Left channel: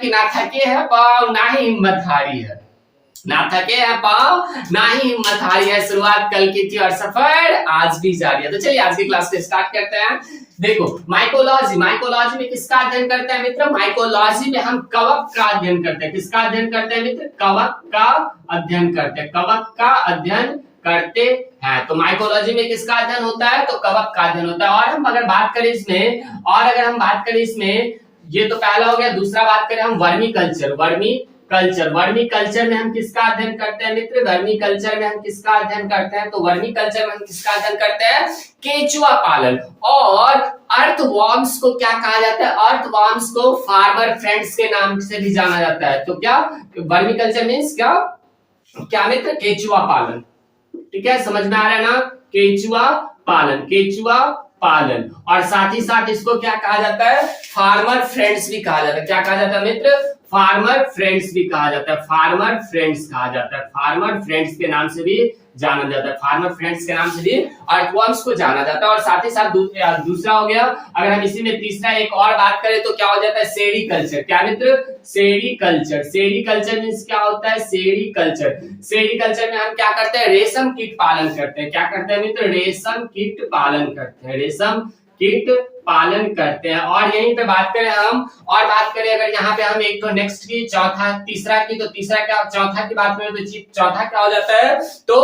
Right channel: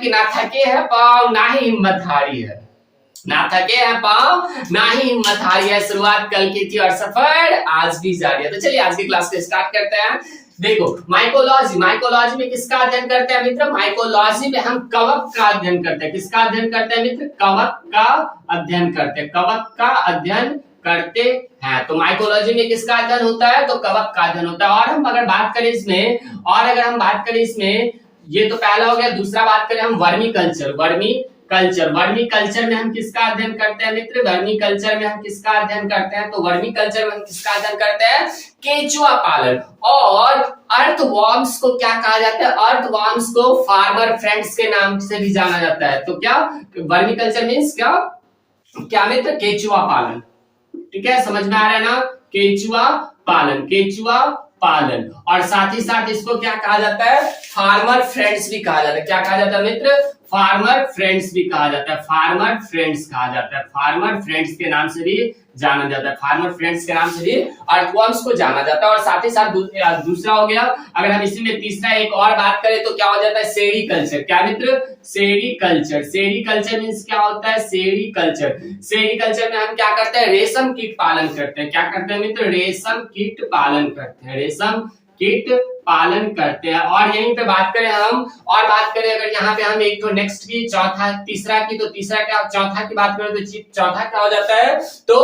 कि ना थके है पाँव ना ही हिम्मत हारी है, ना थके हैं पाँव ना ही हिम्मत हारी है, शुरुआत कल की थी और सफर आज भी जारी है। तो चलिए आज की क्लास को स्टार्ट करते हैं। देखो माइकोलॉजी, माइकोलॉजी में किसका अध्ययन करते हैं मित्र? माइकोलॉजी में हम कवक का अध्ययन करते हैं। किसका अध्ययन करते हैं मित्र? कवक का अध्ययन करते हैं, कवक का अध्ययन करते हैं। तो माइकोलॉजी में किसका अध्ययन होता है? तो कवक का अध्ययन होता है। और हम अगर बात करें इसमें ये तो पहला हो गया। दूसरा बात करें हम वर्मी कल्चर, वर्मी कल्चर में हम किसका अध्ययन करते हैं मित्र? वर्मी कल्चर में हम किसका अध्ययन करते हैं? तो वर्मी कल्चर में हम किसका अध्ययन करते हैं? केचुआ पालन। और अर्थवॉर्म्स को क्या कहा जाता है? अर्थवॉर्म्स को फार्मर फ्रेंड्स के नाम से भी जाना जाता है। तो क्या वर्मी कल्चर मीन्स क्या मित्र? केचुआ पालन। ठीक है, समझ में आ रहा है ना? केचुआ पालन। और साथ ही साथ इसको क्या कहा जाता है? फार्मर फ्रेंड्स भी कहा जाता है। क्या कहा जाता है मित्र? फार्मर फ्रेंड्स भी कहा जाता है, फार्मर फ्रेंड्स कहा जाता है, फार्मर फ्रेंड्स के नाम से भी जाना जाता है, फार्मर फ्रेंड्स के नाम से भी अर्थवॉर्म्स को जाना जाता है। और साथ ही साथ दूसरा हो गया। अगर हम इसी में तीसरा एक और बात करें तो क्या हो जाता है? सेरीकल्चर। क्या मित्र? सेरीकल्चर। सेरीकल्चर मींस क्या होता है? सेरीकल्चर में हम क्या करते हैं? रेशम कीट पालन करते हैं। क्या करते हैं मित्र? रेशम कीट पालन करते हैं, रेशम कीट पालन करते हैं। और यहीं पे बात करें अगर यहाँ पे हम एक तो नेक्स्ट की तीसरा की चौथा की बात करें तो चौथा क्या हो जाता है? तो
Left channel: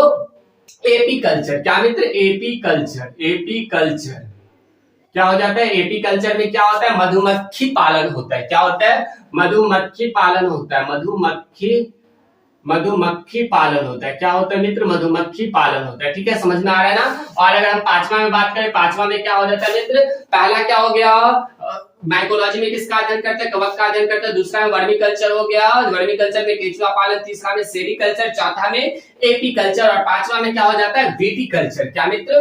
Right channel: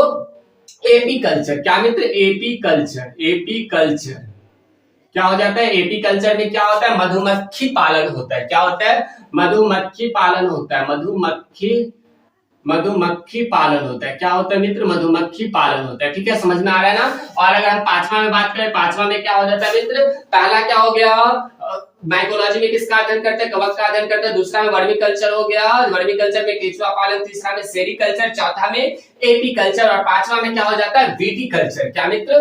एपीकल्चर। क्या मित्र? एपीकल्चर क्या हो जाता है? एपीकल्चर में क्या होता है? मधुमक्खी पालन होता है। क्या होता है? मधुमक्खी पालन होता है, मधुमक्खी पालन होता है। क्या होता है मित्र? मधुमक्खी पालन होता है। ठीक है, समझ में आ रहा है ना? और अगर हम पांचवा में बात करें, पांचवा में क्या हो जाता है मित्र? पहला क्या हो गया? माइकोलॉजी में किसका अध्ययन करते हैं? कवक का अध्ययन करते हैं। दूसरा में वर्मी कल्चर हो गया, वर्मी कल्चर में केचुआ पालन। तीसरा में सेरीकल्चर, चौथा में एपीकल्चर और पांचवा में क्या हो जाता है? विटीकल्चर। क्या मित्र?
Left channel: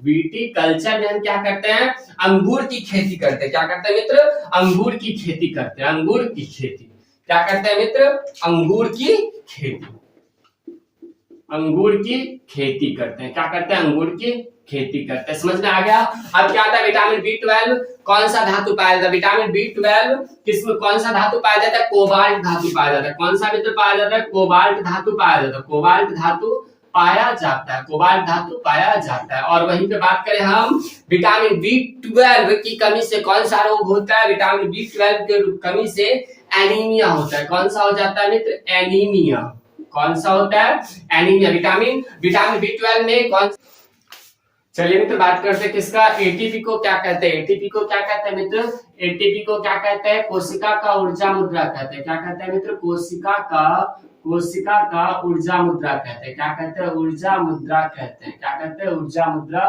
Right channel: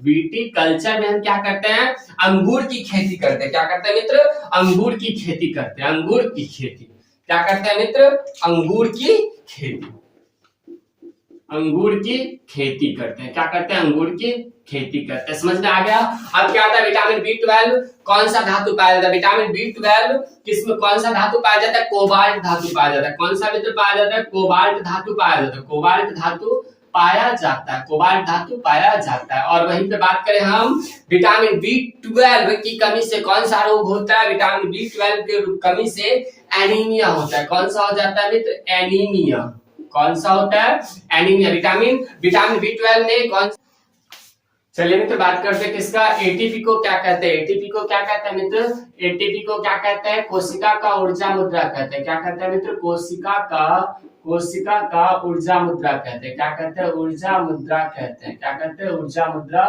विटीकल्चर में हम क्या करते हैं? अंगूर की खेती करते हैं। क्या करते हैं मित्र? अंगूर की खेती करते हैं, अंगूर की खेती। क्या करते हैं मित्र? अंगूर की खेती करते हैं। क्या करते हैं? अंगूर की खेती करते हैं। समझ में आ गया? अब क्या आता है? विटामिन B12 कौन सा धातु पाया जाता है? विटामिन B12 किसमें कौन सा धातु पाया जाता है? कोबाल्ट धातु पाया जाता है। कौन सा मित्र पाया जाता है? कोबाल्ट धातु पाया जाता है, कोबाल्ट धातु पाया जाता है। और वहीं पे बात करें हम विटामिन B12 की कमी से कौन सा रोग होता है? विटामिन B12 के कमी से एनीमिया होता है। कौन सा हो जाता है मित्र? एनीमिया। कौन सा होता है? एनीमिया। विटामिन B12 में कौन? चलिए मित्र बात करते हैं किसका? एटीपी को क्या कहते हैं? एटीपी को क्या कहते हैं मित्र? एटीपी को क्या कहते हैं? कोशिका का ऊर्जा मुद्रा कहते हैं। क्या कहते हैं मित्र? कोशिका का ऊर्जा मुद्रा कहते हैं। क्या कहते हैं? ऊर्जा मुद्रा कहते हैं। क्या कहते हैं? ऊर्जा मुद्रा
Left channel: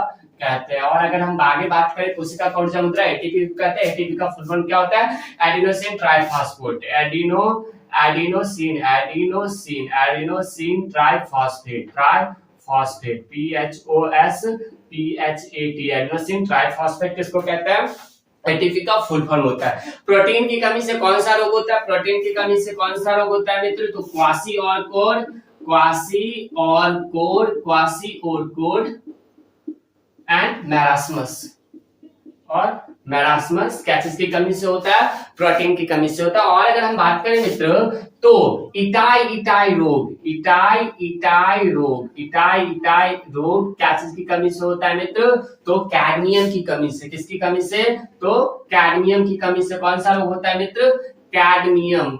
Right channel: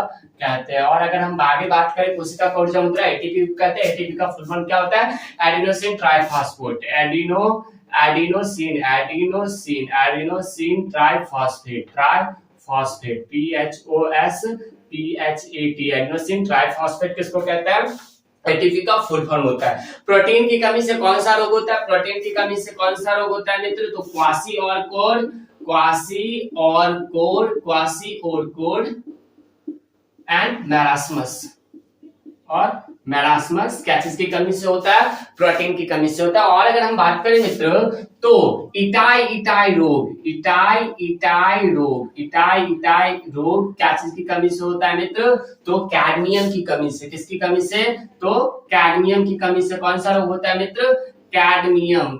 कहते हैं। और अगर हम आगे बात करें कोशिका का ऊर्जा मुद्रा, एटीपी को कहते हैं। एटीपी का फुल फॉर्म क्या होता है? Adenosine triphosphate, adenosine triphosphate, PHOSPHAT, adenosine triphosphate किसको कहते हैं? एटीपी का फुल फॉर्म होता है। प्रोटीन की कमी से कौन सा रोग होता है? प्रोटीन की कमी से कौन सा रोग होता है मित्र? तो क्वासी एंड मैरास्मस क्या चीज की कमी से होता है? प्रोटीन की कमी से होता है। और अगर हम बात करें मित्र तो इटाई रोग क्या चीज की कमी से होता है मित्र? तो कैडमियम की कमी से। किसकी कमी से? तो कैडमियम की कमी से कौन सा रोग होता है मित्र? कैडमियम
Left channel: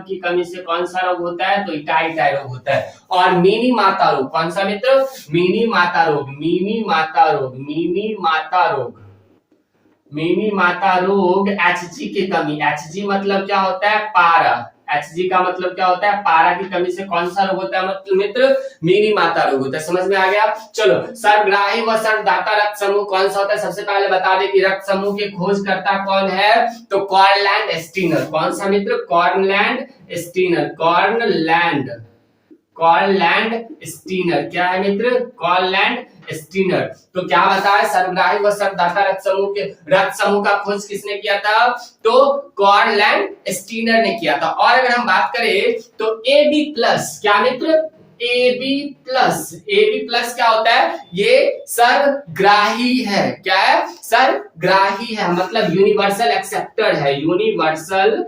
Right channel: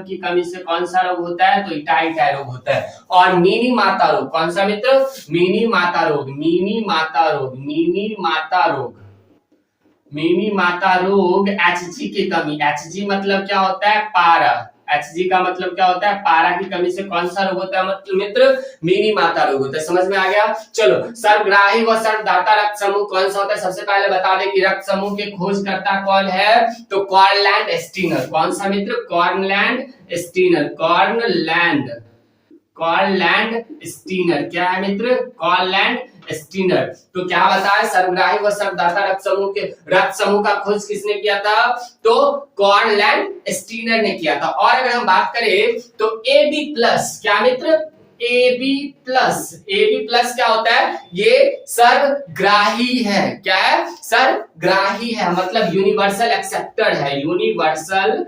की कमी से कौन सा रोग होता है? तो इटाई रोग होता है। और मिनी माता रोग कौन सा मित्र? मिनी माता रोग Hg की कमी। Hg मतलब क्या होता है? पारा। Hg का मतलब क्या होता है? पारा की कमी से कौन सा रोग होता है मित्र? मिनी माता रोग होता है। समझ में आ गया? चलो सर्वग्राही व सर्वदाता रक्त समूह कौन सा होता है? सबसे पहले बता दें कि रक्त समूह के खोजकर्ता कौन है? तो कॉर्नलैंड स्टीनर। कौन सा मित्र? कॉर्नलैंड स्टीनर। क्या है मित्र? कॉर्नलैंड स्टीनर। तो क्या बताया? सर्वग्राही व सर्वदाता रक्त समूह का खोज किसने किया था? तो कॉर्नलैंड स्टीनर ने किया था। और अगर हम बात करें तो AB+ क्या मित्र? AB प्लस क्या होता है? ये सर्वग्राही है। क्या है? सर्वग्राही है, मतलब यूनिवर्सल एक्सेप्टेड है, यूनिवर्सल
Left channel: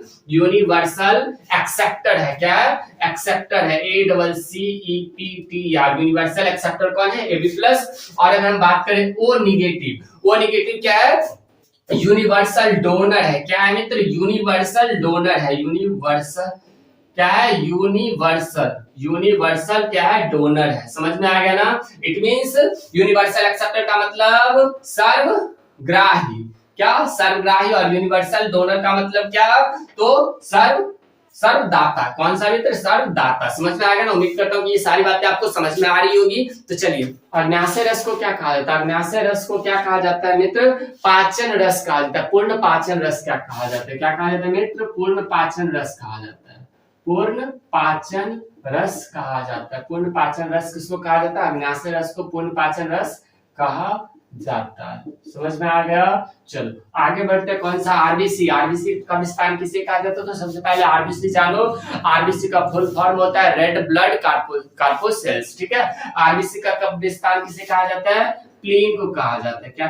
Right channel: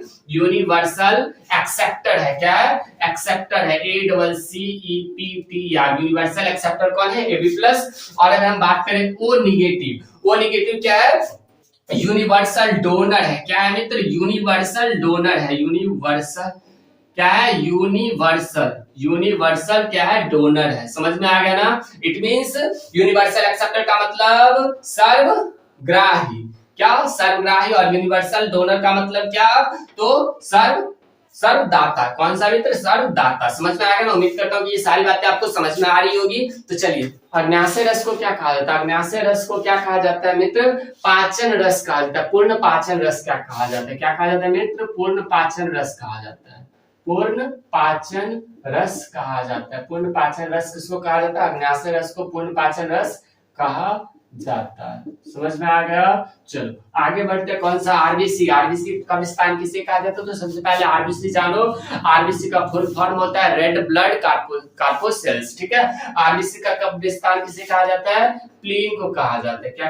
एक्सेप्टेड है। क्या है? एक्सेप्टेड है, ACCEPT, यूनिवर्सल एक्सेप्टेड कौन है? AB plus. और अगर हम बात करें O नेगेटिव क्या है? यूनिवर्सल डोनर है। क्या है मित्र? यूनिवर्सल डोनर है। यूनिवर्सल क्या है? यूनिवर्सल क्या है? डोनर है। समझ में आ गया ना? इट मींस यूनिवर्सल एक्सेप्टर का मतलब सर्वग्राही। क्या? सर्वग्राही। और यूनिवर्सल डोनर का मतलब क्या? तो सर्वदाता। कौन सा मित्र? सर्वदाता। समझ में आ गया ना? उम्मीद करता हूँ कि ये सारी बातें आपको समझ में आ रही होगी। तो चलिए, अग्न्याशय रस को क्या कहा जाता है? अग्न्याशय रस को क्या कहा जाता है मित्र? पाचन रस कहा जाता है। पूर्ण पाचन रस क्या कहा जाता है? क्या कहा जाता है मित्र? पूर्ण पाचन रस कहा जाता है। पूर्ण पाचन रस कहा जाता है। पूर्ण पाचन रस किसको कहा जाता है? अग्न्याशय रस को पूर्ण पाचन रस कहा जाता है। समझ में आ गया? चलो आगे बढ़ते हैं। कौन सा? आरबीसी का विस्तार किसे कहा जाता है? तो सबसे पहले आरबीसी जानो। आरबीसी का फुल फॉर्म होता है रेड ब्लड कार्पोसेल्स। ठीक है? आरबीसी का विस्तार किसे कहा जाता है? प्लीन को कहा जाता है। क्या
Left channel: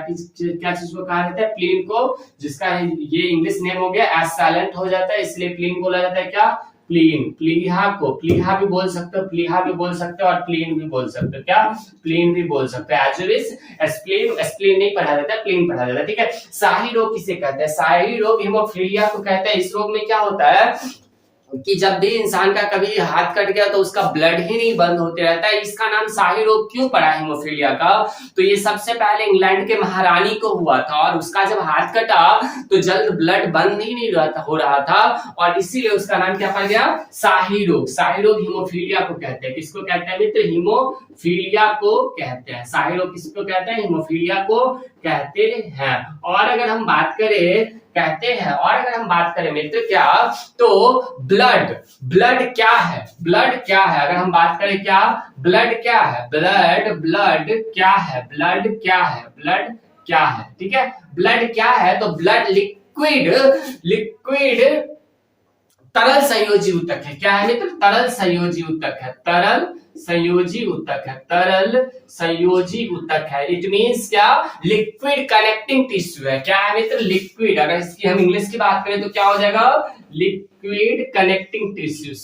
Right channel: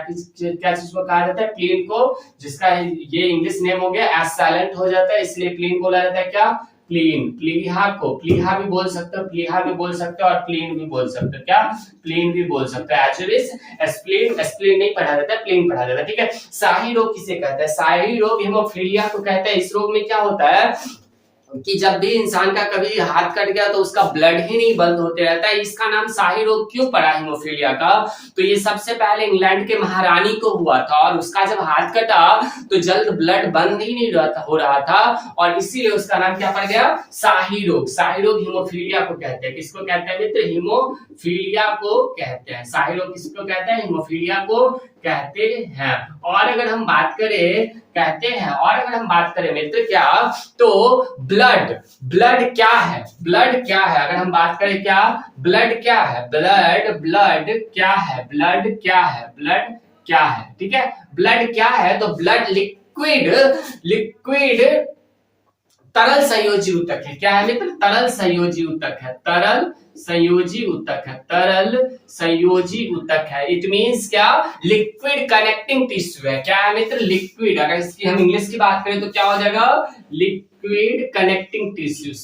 चीज को कहा जाता है? प्लीन को, जिसका ये इंग्लिश नेम हो गया एस साइलेंट हो जाता है, इसलिए प्लीन बोला जाता है। क्या? प्लीन। प्लीहा भी बोल सकते हो, प्लीहा भी बोल सकते हो, और प्लीन भी बोल सकते हो। क्या? प्लीन भी बोल सकते हो। एस्प्लीन नहीं पढ़ा जाता है, प्लीन पढ़ा जाता है। ठीक है? शाही रोग किसे कहते हैं? शाही रोग हीमोफीलिया को कहते हैं। इस रोग में क्या होता है कि जब भी इंसान का कभी हाथ कट गया तो उसका ब्लड ही नहीं बंद होते रहता है। इसका नाम शाही रोग क्यों पड़ा हीमोफीलिया का? तो ये सबसे पहले इंग्लैंड के महारानी को हुआ था, और उसका जब हाथ कटा तो जल्द ब्लड बंद ही नहीं हो रहा था, और इसीलिए उसका नाम क्या पड़ गया? शाही रोग। शाही रोग हीमोफीलिया को कहते हैं। किसको कहते हैं मित्र? हीमोफीलिया को कहते हैं। शाही रोग किसको कहते हैं? हीमोफीलिया को कहते हैं। और अगर हम बात करें मित्र क्या, तो ब्लड क्या है? अगर हम बात करें क्या, ब्लड क्या है? ब्लड क्या है? ठीक है? ब्लड क्या है? तो ब्लड लिक्विड तरल संयोजी ऊतक है। क्या है मित्र? तरल संयोजी ऊतक है। इट मींस क्या? लिक्विड कनेक्टिंग टिश्यू है। क्या है मित्र? लिक्विड। अगर इसकी हम इंग्लिश की बात करें तो क्या हो जाएगा? Liquid connecting tissue.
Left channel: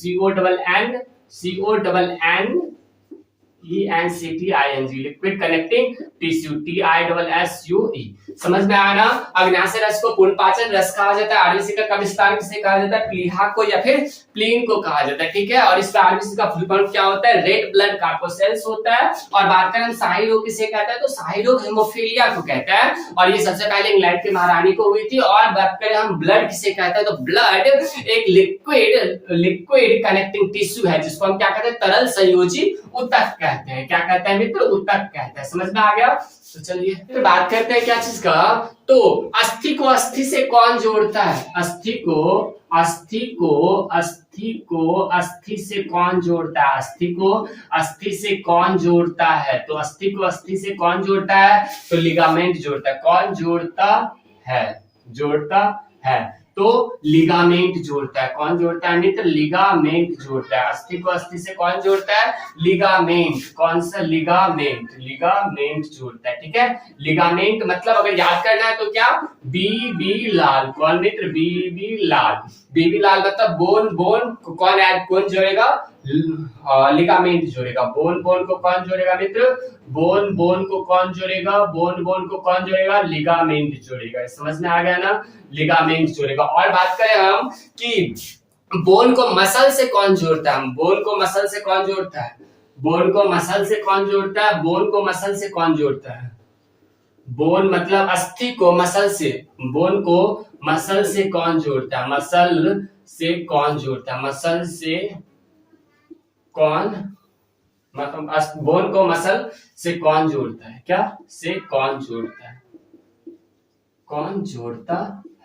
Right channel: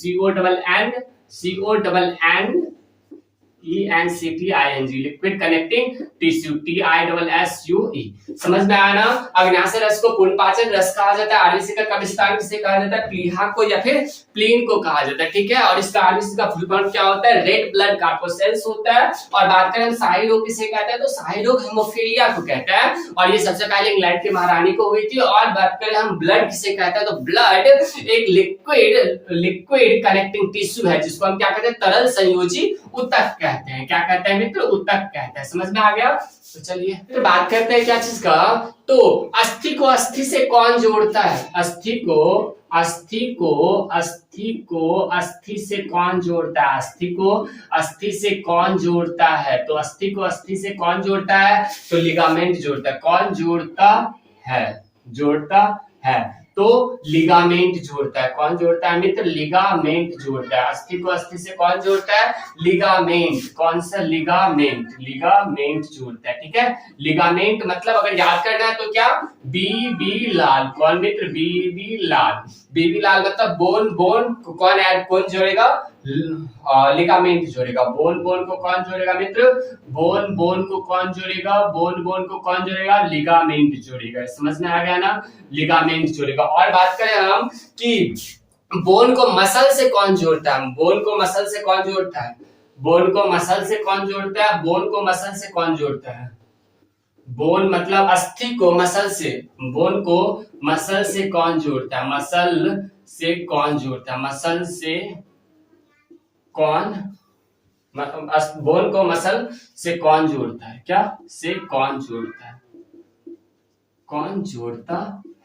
CONNENCTING, liquid connecting tissue, TISSUE। समझ में आया ना? अग्न्याशय रस को पूर्ण पाचन रस कहा जाता है। आरबीसी का विस्तार किसे कहा जाता है? प्लीहा को या फिर प्लीन को कहा जाता है। ठीक है? और इसका आरबीसी का फुल फॉर्म क्या होता है? रेड ब्लड कार्पोसेल्स होता है। और बात करें हम शाही रोग किसे कहते हैं? तो शाही रोग हीमोफीलिया को कहते हैं, और ये सबसे पहले इंग्लैंड की महारानी को हुई थी। और बात करें हम ब्लड किसे कहते हैं? तो ब्लड एक लिक्विड कनेक्टिंग टिश्यू है, जिसको हम क्या कहते हैं? तरल संयोजी ऊतक कहते हैं। क्या कहते हैं मित्र? ऊतक कहते हैं। समझ में आ गया? तो चलिए फिर बात करते हैं क्या चीज का, तो अस्थि को अस्थि से कौन जोड़ता है? अस्थि को अस्थि से कौन जोड़ता है? अस्थि को अस्थि से कौन जोड़ता है? तो अस्थि को अस्थि से कौन जोड़ता है? तो लिगामेंट जोड़ता है। कौन जोड़ता है? तो लिगामेंट जोड़ता है। कौन जोड़ता है मित्र? लिगामेंट जोड़ता है। अस्थि को अस्थि से कौन जोड़ता है? लिगामेंट। कौन सा? लिगामेंट जोड़ता है। ठीक है? लिगामेंट मतलब अगर याद करना है तो क्या? बीबी लाल। कौन मित्र? बीबी लाल मतलब बोन को कौन जोड़ेगा? लिगामेंट जोड़ेगा। बोन को कौन जोड़ेगा मित्र? बोन को कौन जोड़ेगा? लिगामेंट जोड़ेगा। समझ में आ गया ना? लिगामेंट जोड़ेगा। और बात करें हम कि बोन को मसल से कौन जोड़ता है? बोन को मसल से कौन जोड़ता है? बोन मतलब अस्थि को मसल से, बोन को मसल से कौन जोड़ता है? मसल से कौन बोन को मसल से कौन जोड़ता है? क्या से कौन जोड़ता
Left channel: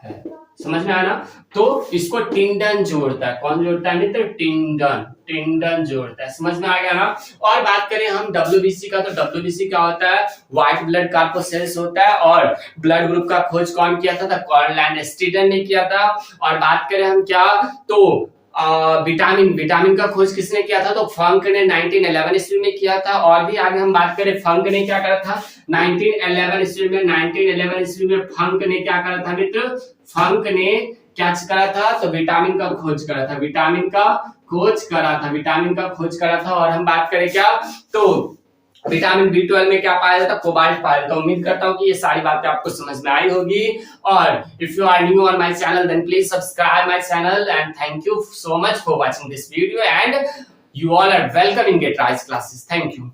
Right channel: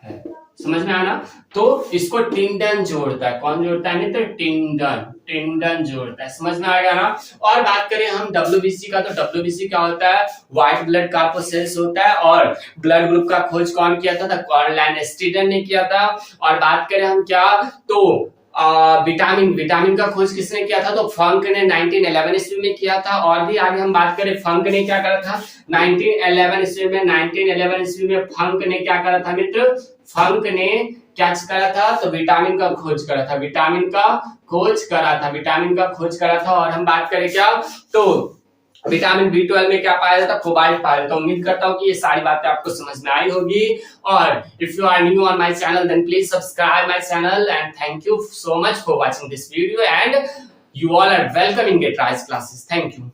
है? समझ में आना? तो इसको टिंडन जोड़ता है। कौन जोड़ता है मित्र? टिंडन जोड़ता है। समझ में आ गया ना? और बात करें हम WBC का, तो WBC क्या होता है? व्हाइट ब्लड कार्पोसेल्स होता है। और ब्लड ग्रुप का खोज कौन किया था? कार्ल लैंडस्टीडन ने किया था। और बात करें हम क्या, तो विटामिन का खोज किसने किया था? तो फंक ने 1911 ईस्वी में किया था। और भी आगे हम बात करें, फंक ने क्या करा था 1911 ईस्वी में? 1911 ईस्वी में फंक ने क्या करा था मित्र? फंक ने क्या करा था? तो विटामिन का खोज करा था, विटामिन का खोज करा था, विटामिन का खोज करा था। और हम बात करें क्या, तो विटामिन B12 में क्या पाया जाता है? कोबाल्ट पाया जाता है। उम्मीद करता हूं कि ये सारी बातें आपको समझ में आई होगी। और if you are new on my channel then please subscribe my channel and thank you so much for watching this video and you all are welcome in GetRise classes. Thank you.